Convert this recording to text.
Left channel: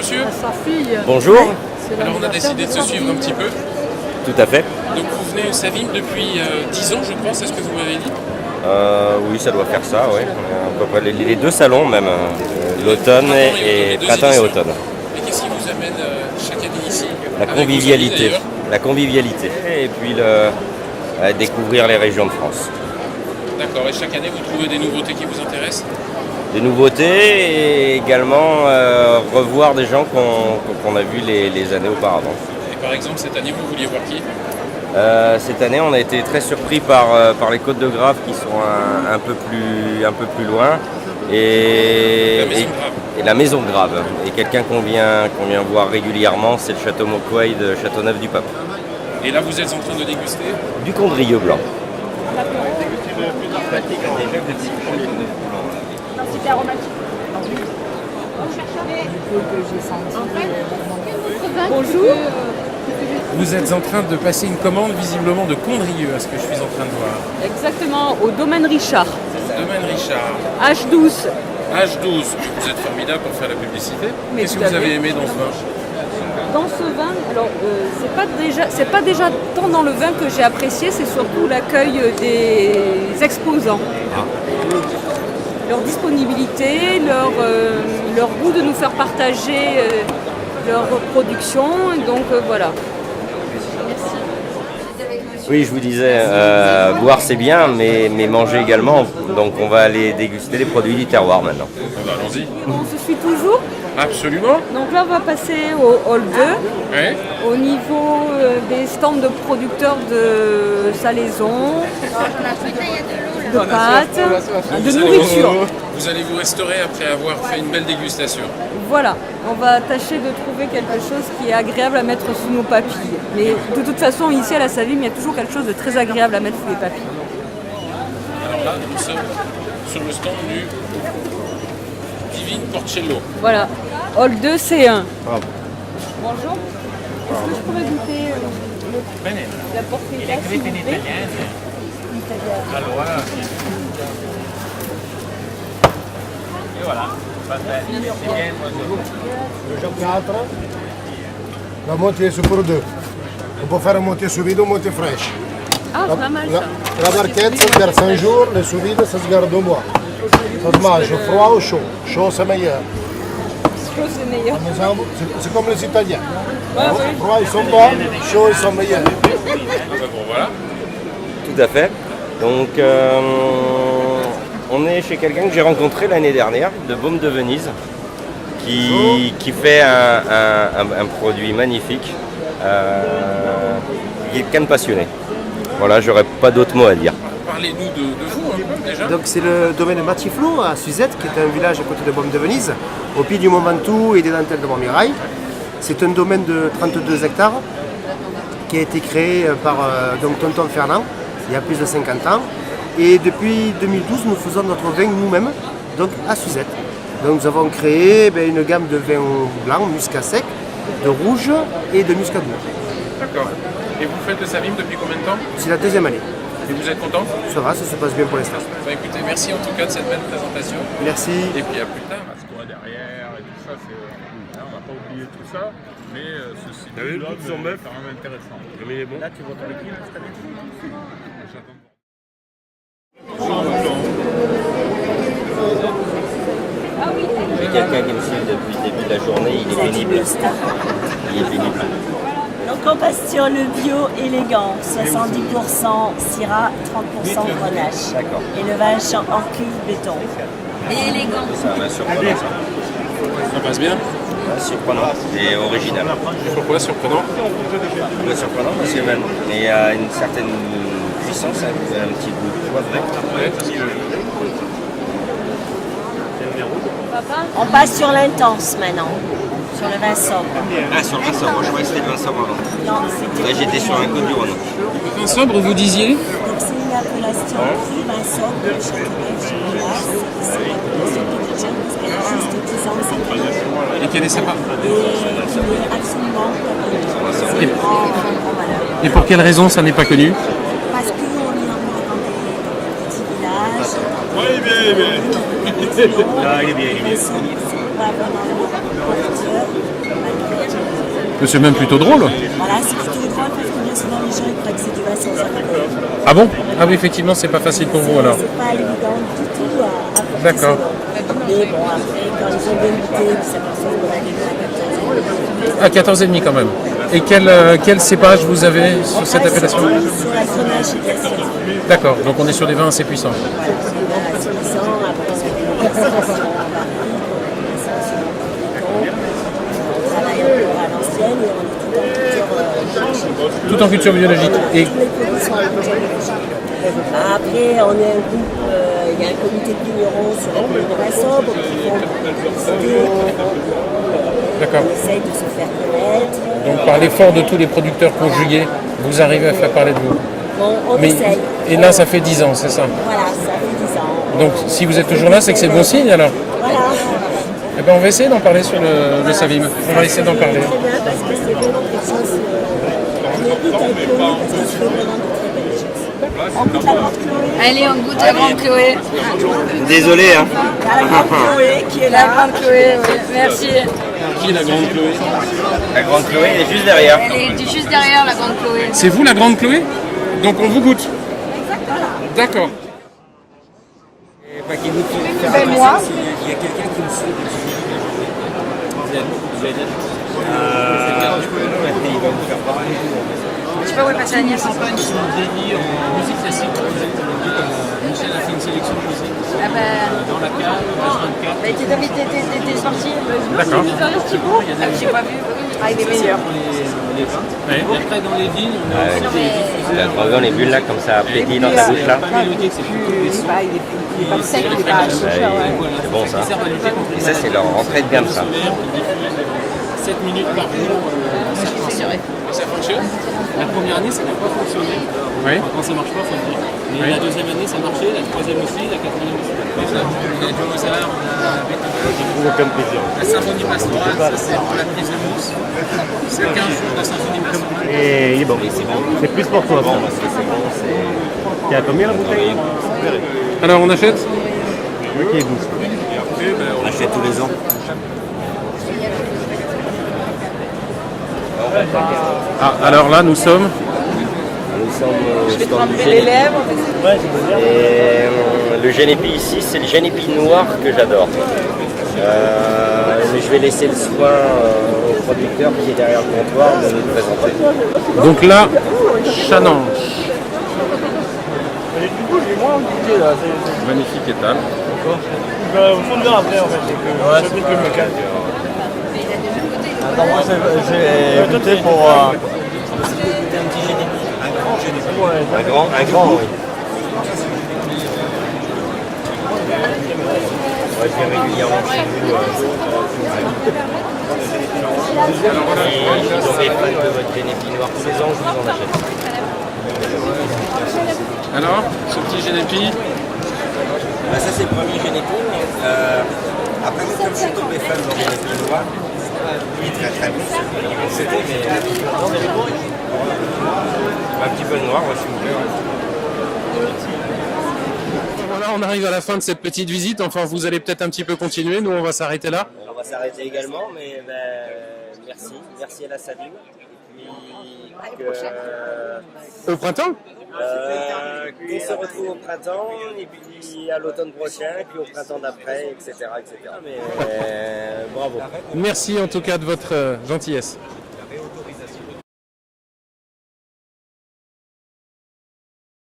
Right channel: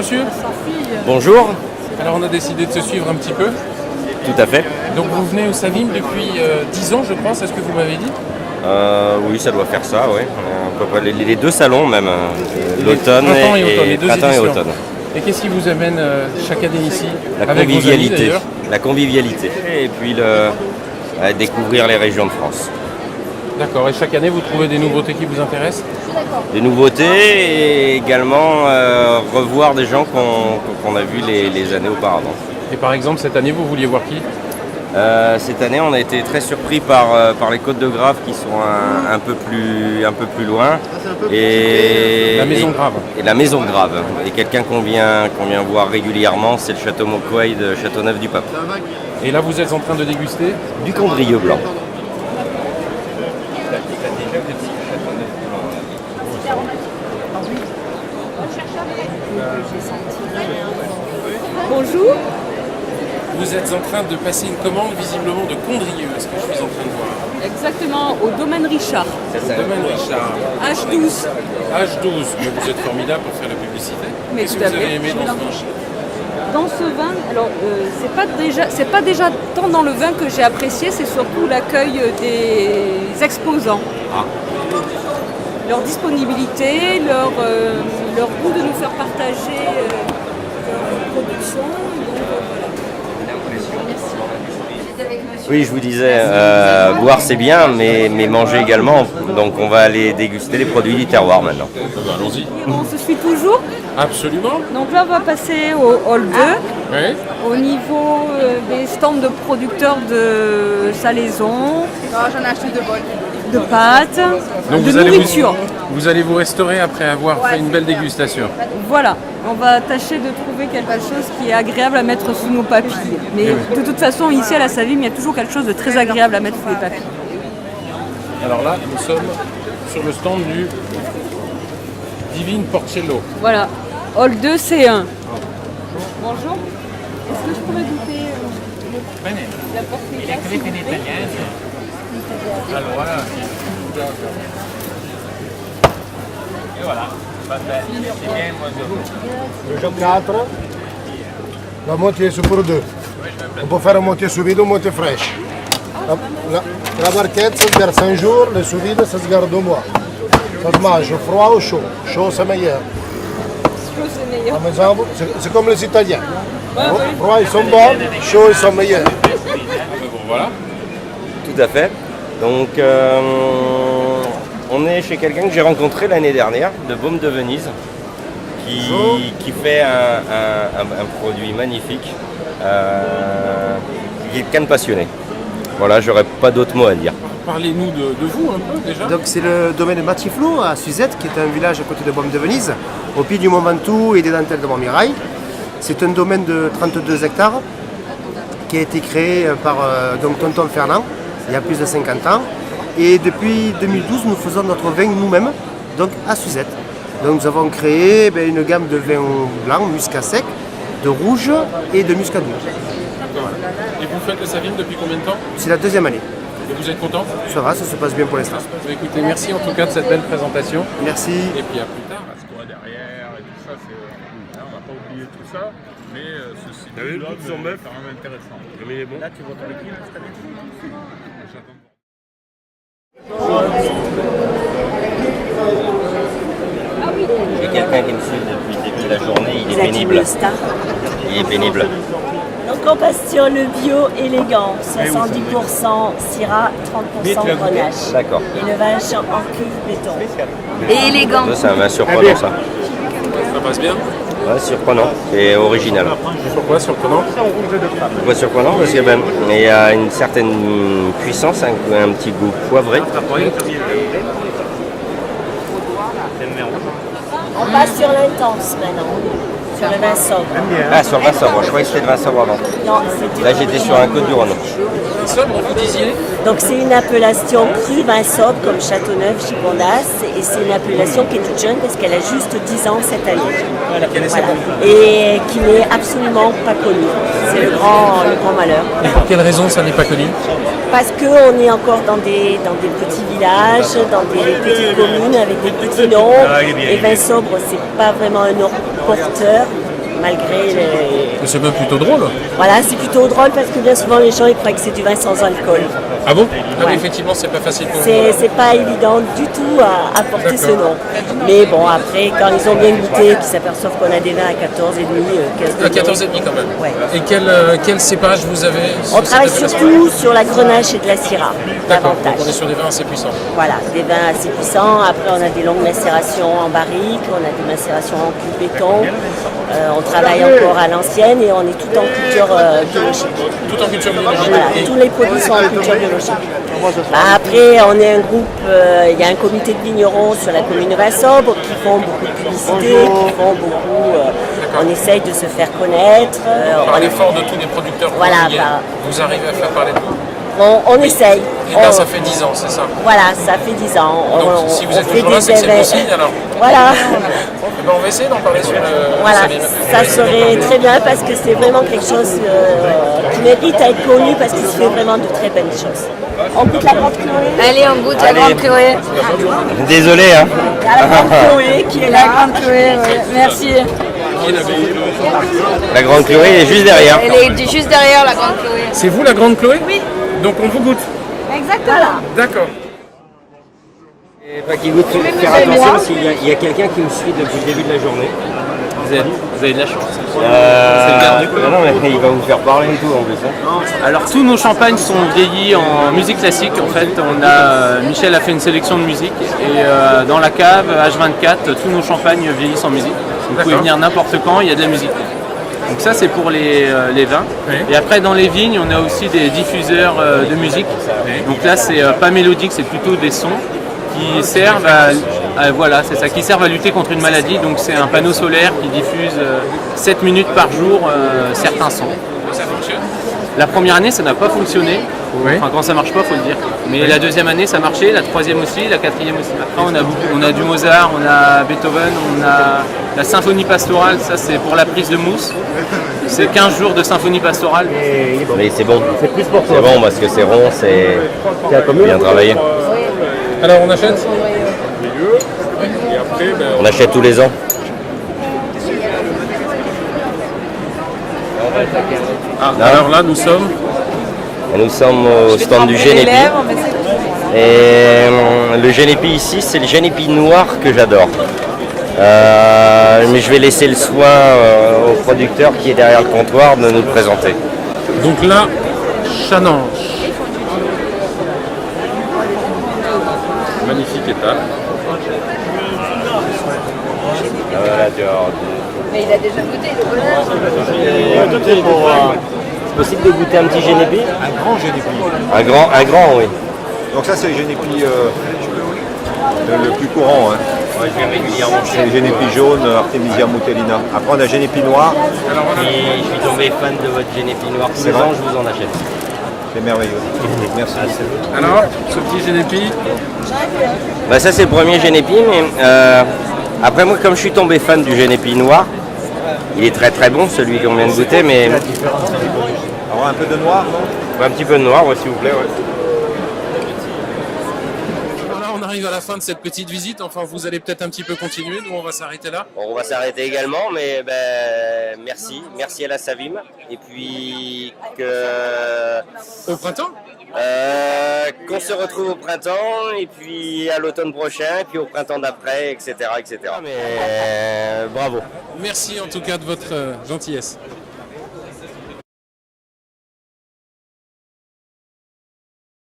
monsieur. Sa fille. Bonjour. Alors on a décidé de se suivre un petit peu. Tout à fait. Donc vous venez à Savines depuis 10 ans, je pense, c'est ce que vous m'avez dit. Oui, ça doit faire ça, oui. À peu près les deux salons même, l'automne et printemps et automne. Et qu'est-ce qui vous amène chaque année ici? La convivialité. La convivialité. Et puis découvrir les régions de France. D'accord, et chaque année vous trouvez des nouveautés qui vous intéressent? Des nouveautés et également revoir des gens qu'on a vus les années auparavant. Et par exemple, cette année, vous vouliez voir qui? Cette année, on a été très surpris par les Côtes de Grave qui sont un peu plus loin et la Maison de Grave. Et quelqu'un qu'on vient voir régulièrement, c'est le Château Mauquoy de Châteauneuf-du-Pape. Et là, vous êtes en train de déguster Du Condrieu blanc. Bonjour. Vous êtes en train de passer une commande visiblement de Condrieu, ce que je suis en train de voir. Exactement, au domaine Richard. Domaine Richard. H12. H12. Vous êtes formidable pour faire la publicité. Mais Qu'est-ce tout à que vous avez fait. aimé dans ce vin? Dans ce vin, alors c'est pas déjà tant dans le vin que j'ai apprécié, c'est surtout l'accueil des exposants. Leur disponibilité, leur goût de nous faire partager leur production. Et donc voilà. Oui, je vous disais, boire c'est bien, mais manger également. Donc on va aller déguster les produits du terroir maintenant. On se suit toujours. Absolument. Donc là, on va passer au hall 2, Ouais. au niveau des stands de producteurs de salaison, de pâtes, de nourriture. Vous allez vous restaurer après avoir fait une belle dégustation. Voilà, on va tâcher de trouver quelque chose qui est agréable à mettre sous nos papilles. Mais de toute façon, ici à la Savine, il y a toujours quelque chose de très agréable à mettre sous les papilles. Alors là, nous sommes sur le stand du Divine Porcello. Voilà, hall 2, C1. Bonjour, est-ce que je pourrais goûter la portée s'il vous plaît? Allora, et voilà, c'est bien, Le jour 4, la moitié c'est pour deux. On peut faire un moitié sous vide ou un moitié fraîche. Ah, pas mal. La barquette, ça se garde 5 jours, le sous vide, ça se garde 2 mois. Ça se mange froid ou chaud. Chaud, c'est meilleur. Chaud, c'est meilleur. Par exemple, c'est comme les Italiens. Froid, ils sont bons, chaud, ils sont meilleurs. Tout à fait. Donc on est chez quelqu'un que j'ai rencontré l'année dernière, de Baume de Venise, qui fait un produit magnifique, qui est quelqu'un de passionné. Voilà, j'aurais pas d'autres mots à dire. Parlez-nous de vous, déjà. Donc c'est le domaine Matiflot à Suzette, qui est un village à côté de Baume de Venise, au pied du Mont Ventoux et des dentelles de Montmirail. C'est un domaine de 32 hectares qui a été créé par donc Tonton Fernand il y a plus de 50 ans. Et depuis 2012, nous faisons notre vin nous-mêmes, donc à Suzette. Donc nous avons créé une gamme de vins blancs, muscat sec, de rouge et de muscat doux. Et vous faites de Savine depuis combien de temps? C'est la deuxième année. Vous êtes content? Ça va, ça se passe bien pour l'instant. Écoutez, merci en tout cas de cette belle présentation. Merci. Et puis à plus tard. ce qu'on a derrière et tout ça, on n'a pas oublié tout ça, mais ceci là est quand même intéressant. Là, tu vois avec qui cette année? J'ai quelqu'un qui me suit depuis le début de la journée, il est pénible. Il est pénible. Donc on passe sur le bio élégant, 70% Syrah, 30% Grenache. D'accord. Et le vin en cuve béton. Et élégant. Ça, c'est un vin surprenant, ça. Ouais, ça passe bien. Ouais, surprenant et original. Ouais, surprenant. Pourquoi surprenant? Parce qu'il y a une certaine puissance, un petit goût poivré. On passe sur l'intense maintenant, sur le vin sobre. Ah, sur le vin sobre, je croyais que c'était le vin sobre avant. Non, c'est du Là, j'étais sur un Côte du Rhône. Un sobre, vous disiez? Donc c'est une appellation cru vin sobre comme Châteauneuf, Gigondas, et c'est une appellation qui est toute jeune parce qu'elle a juste 10 ans cette année. Et quelle est sa part? Et qui n'est absolument pas connue. C'est le grand malheur. Et pour quelle raison ça n'est pas connu? Parce qu'on est encore dans des petits villages, dans des petites communes avec des petits noms. Et vin sobre, c'est pas vraiment un nom porteur. malgré les... C'est même plutôt drôle. Voilà, c'est plutôt drôle parce que bien souvent les gens ils croient que c'est du vin sans alcool. Ah bon? Ah oui, effectivement, c'est pas facile pour vous. C'est pas évident du tout à porter ce nom. Mais bon, après, quand ils ont bien goûté, qu'ils s'aperçoivent qu'on a des vins à 14,5, 15 À 14,5 quand même. Ouais. Et quel cépage vous avez On travaille surtout sur la Grenache et de la Syrah. D'accord, donc on est sur des vins assez puissants. Voilà, des vins assez puissants. Après, on a des longues macérations en barrique, on a des macérations en cul de béton. On travaille encore à l'ancienne et on est tout en culture biologique. Tout en culture biologique. Voilà, Et tous les produits sont en culture biologique. Après, on est un groupe, il y a un comité de vignerons sur la commune de Vinsobre qui font beaucoup de publicité, qui font beaucoup. On essaye de se faire connaître. par l'effort de tous les producteurs Voilà, ouvriers, vous arrivez à faire parler de vous. On essaye. Et là, ça fait 10 ans, c'est ça? Voilà, ça fait 10 ans. Donc, si vous êtes toujours là, c'est que c'est bon signe alors. Voilà. Eh ben, on va essayer d'en parler sur le Voilà, Savim. On va ça essayer d'en serait parler. très bien parce que c'est vraiment quelque chose qui mérite à être connu parce qu'il se fait vraiment de très belles choses. On goûte la grande Chloé. Allez, on goûte la grande Chloé. Désolé, hein. Il y a la grande Chloé qui est là. La grande Chloé, merci. La grande Chloé est juste derrière. Elle est juste derrière la grande Chloé. C'est vous la grande Chloé? Oui. Donc on vous goûte. Exactement. D'accord. Et pas qu'il goûte, faire attention s'il y a quelqu'un qui me suit depuis le début de la journée. Vous avez de la chance. Non, mais il va vous faire parler et tout en plus. Hein. Alors tous nos champagnes sont vieillis en musique classique. En fait, Michel a fait une sélection de musique et dans la cave H24, tous nos champagnes vieillissent en musique. Vous pouvez venir n'importe quand, il y a de la musique. Donc ça c'est pour les vins. Et après dans les vignes, on a aussi des diffuseurs Dans les de bulles là musique. comme ça, Donc là c'est pas mélodique, c'est plutôt des sons qui servent voilà, c'est ça, qui servent à lutter contre une maladie. Donc c'est un panneau solaire qui diffuse 7 minutes par jour certains sons. La première année ça n'a pas fonctionné, enfin quand ça marche pas faut le dire, mais la deuxième année ça marchait, la troisième aussi, la quatrième aussi. Après on a du Mozart, on a Beethoven, on a la symphonie pastorale, ça c'est pour la prise de mousse. C'est 15 jours de symphonie pastorale. Et il est bon. Et c'est bon. C'est plus pour toi. C'est bon parce que c'est rond, c'est. T'as combien bien travaillé. Alors on achète. Et après, ben, On achète tous les ans. Nous sommes au stand du Génépi. Et le Génépi ici, c'est le Génépi noir que j'adore. Mais je vais laisser le soin au producteur qui est derrière le comptoir de nous le présenter. Donc là, J'ai goûté pour. C'est possible de goûter un petit Génépi? Un grand Génépi. Un grand, oui. Donc ça c'est le Génépi le plus courant. Hein. C'est le Génépi jaune, Artemisia mutellina. Après on a Génépi noir. C'est vrai. C'est merveilleux. Merci beaucoup. alors, ce petit Génépi, Bah ça c'est le premier Génépi, mais après moi comme je suis tombé fan du Génépi noir, il est très très bon celui qu'on vient de goûter, mais La différence entre un peu de noir. un petit peu de noir, ouais, s'il vous plaît. Ouais. on arrive à la fin de cette petite visite, enfin vous allez peut-être un petit peu continuer, nous on va s'arrêter là. Bon, on va s'arrêter également, mais merci à la Savim, et puis Au printemps. qu'on se retrouve au printemps, et puis à l'automne prochain, et puis au printemps d'après, etc. Mais bravo. Merci en tout cas de votre gentillesse.